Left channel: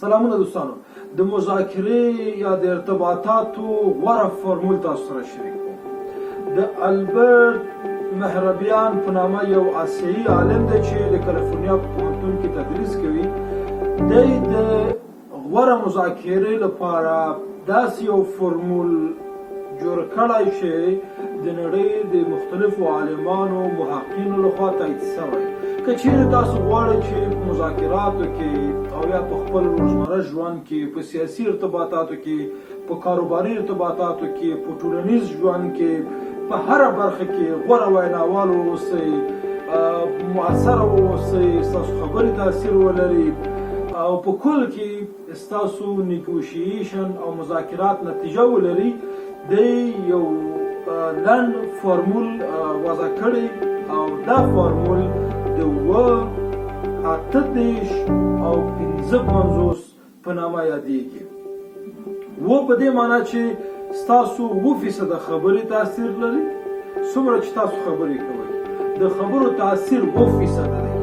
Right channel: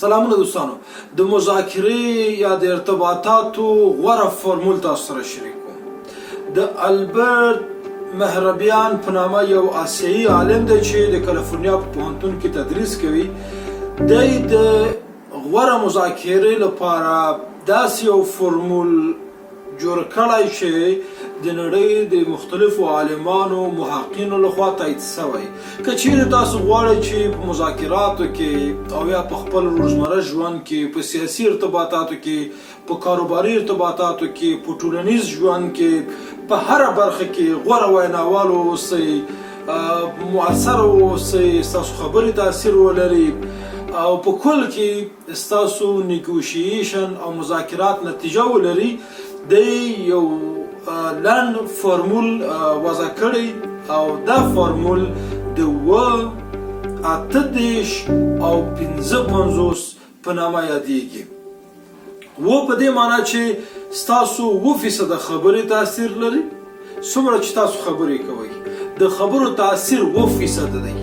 سلامونه دوستانو، د مذاکرې یا د ارتباطاتو غوره فورمول تاسو سره شریک کوم. د البرت مهربیان په نامه یو آسیایي عالم دی چې د کالیفورنیا په پوهنتون کې تدریس کوي. دی د غوره مذاکرې لپاره داسې یو فورمول جوړ کړی چې د نړۍ د مختلفو عالمانو محققینو لخوا تایید شوی. که چیرې تاسو غواړئ چې په مذاکراتو کې او یا په خپل روزمره ژوند کې، په سیاسي ارتباطاتو کې، په کاروباري ارتباطاتو کې، په ټولنیز ژوند کې، په هره برخه کې غوره ویناوال اوسئ، مؤثر اوسئ، ستاسو خبرې تاثیر ولري او په کل کې ستاسو نیګوشیشن او مذاکرات نتیجه ولري، دی یو لنډ فورمول وضع کړی او دا فورمول د 8 او 55 په نامه یادیږي. په دې معنی چې ستاسو 2% خبرې تاثیر لري. څومره چې تاسو خبرې کوئ د خبرو تاثیر 2% دی.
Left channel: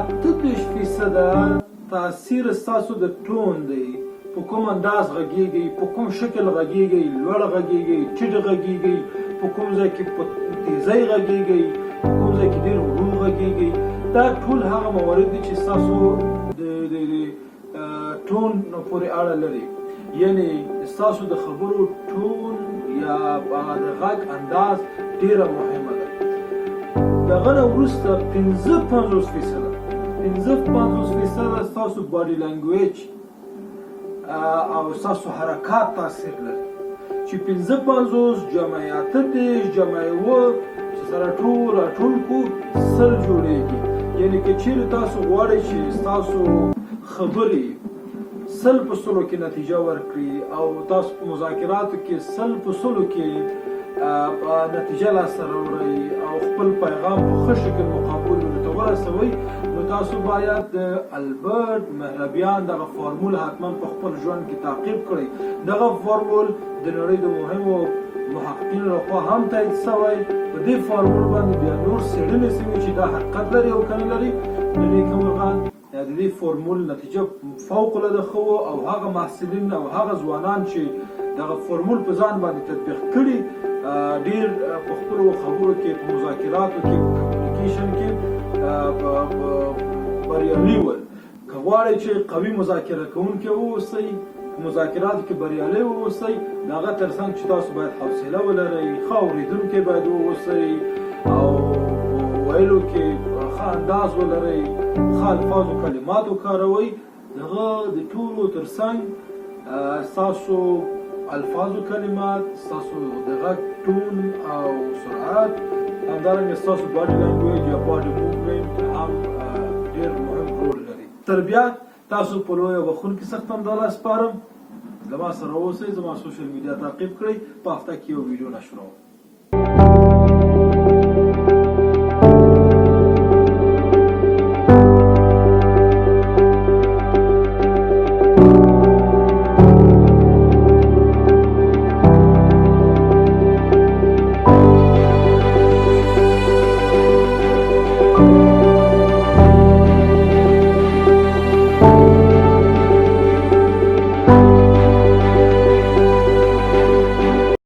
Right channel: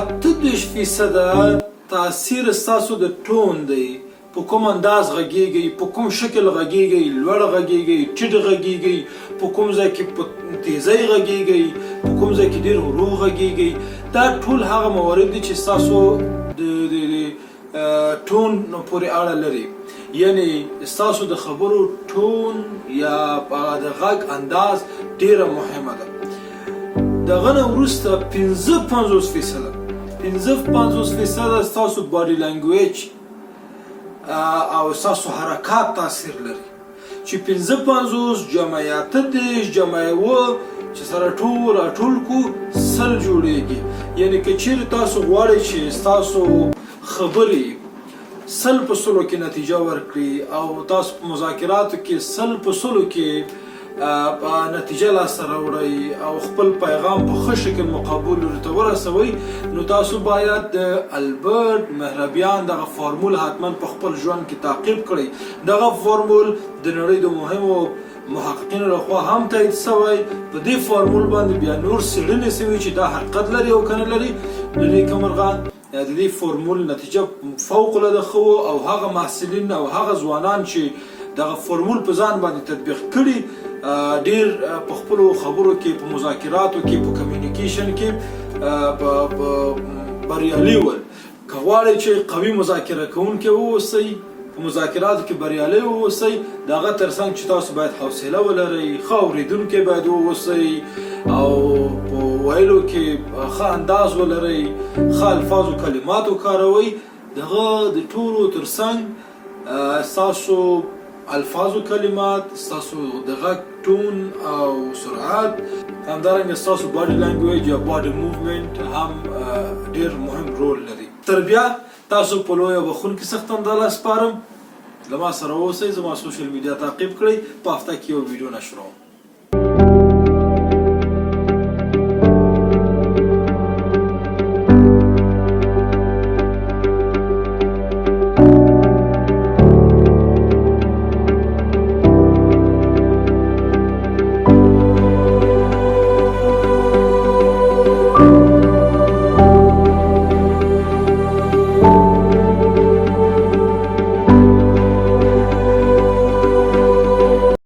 8% تاثیر ستاسو د ټون دی، په کوم انداز غږیږي، په کوم شکل غږیږي، لوړ غږیږي، ټیټ غږیږي، په کوم ځای کې په تیزۍ غږیږي، په کوم ځای کې ډېر ورو غږیږي. دا ټول هغه موارد دي چې ستاسو د ټون پورې اړه لري. یعنی ستاسو د خبرو ټون یا د غږ انداز ډېره مهمه ده. دغه نه وروسته 55% 55% ستاسو باډي لنګویج او ستاسو حرکات تاثیر لري. چې 55 جمع 8 جمع 9 چې سره ټول کو 100 جوړیږي. یعنی که چیرې تاسو غواړئ چې ستاسو خبرې 100% کې نتیجه ورکړي او تاسو په مذاکراتو کې 100% کې نتیجه لاسته راوړئ او خپل پیغام په ښه شکل مقابل ورته ورسوئ، نو تاسو باید د البرت مهربیان دغه فورمول حتما په خپل ژوند کې تعقیب کړئ. دغه فورمول د نړۍ د مهمو محققینو لخوا هم تایید شوی. په دې فورمول باندې بیا نور څېړنې شوي چې دا حقیقت لري او که نه لري. د دې مرغان د دې فورمول نتیجه فوق العاده ښه او هغه محصلین او هغه ځوانان چې دغه فورمول په ځان باندې تطبیق کړي ډیر په خپلو خبرو کې، په مذاکراتو کې، په کمیونیکیشن کې بریالي ول. که غواړئ چې قوي مذاکره کوونکي واوسئ، په مذاکراتو کې بریالي واوسئ، د هغه ترڅنګ چې تاسو باید حوصله ولرئ، ښه اورېدونکي باید واوسئ او په ویلو کې ښه انداز ولرئ، ښه الفاظ او کلمات وکاروئ. دغه د ټولو ترڅنګ ستاسو الفاظ و کلمات، ستاسو د غږ ټون او سرعت، همدارنګه ستاسو باډي لنګویج یا باډي موومنټ هم ډیر مهم رول لري. تر بیا تاسو په لوی او بخښونکي سختنداله سپارم. له ما سره اوسئ، زما سوشل میډیا تعقیب کړئ. په هفته کې یو ویډیو نشروم.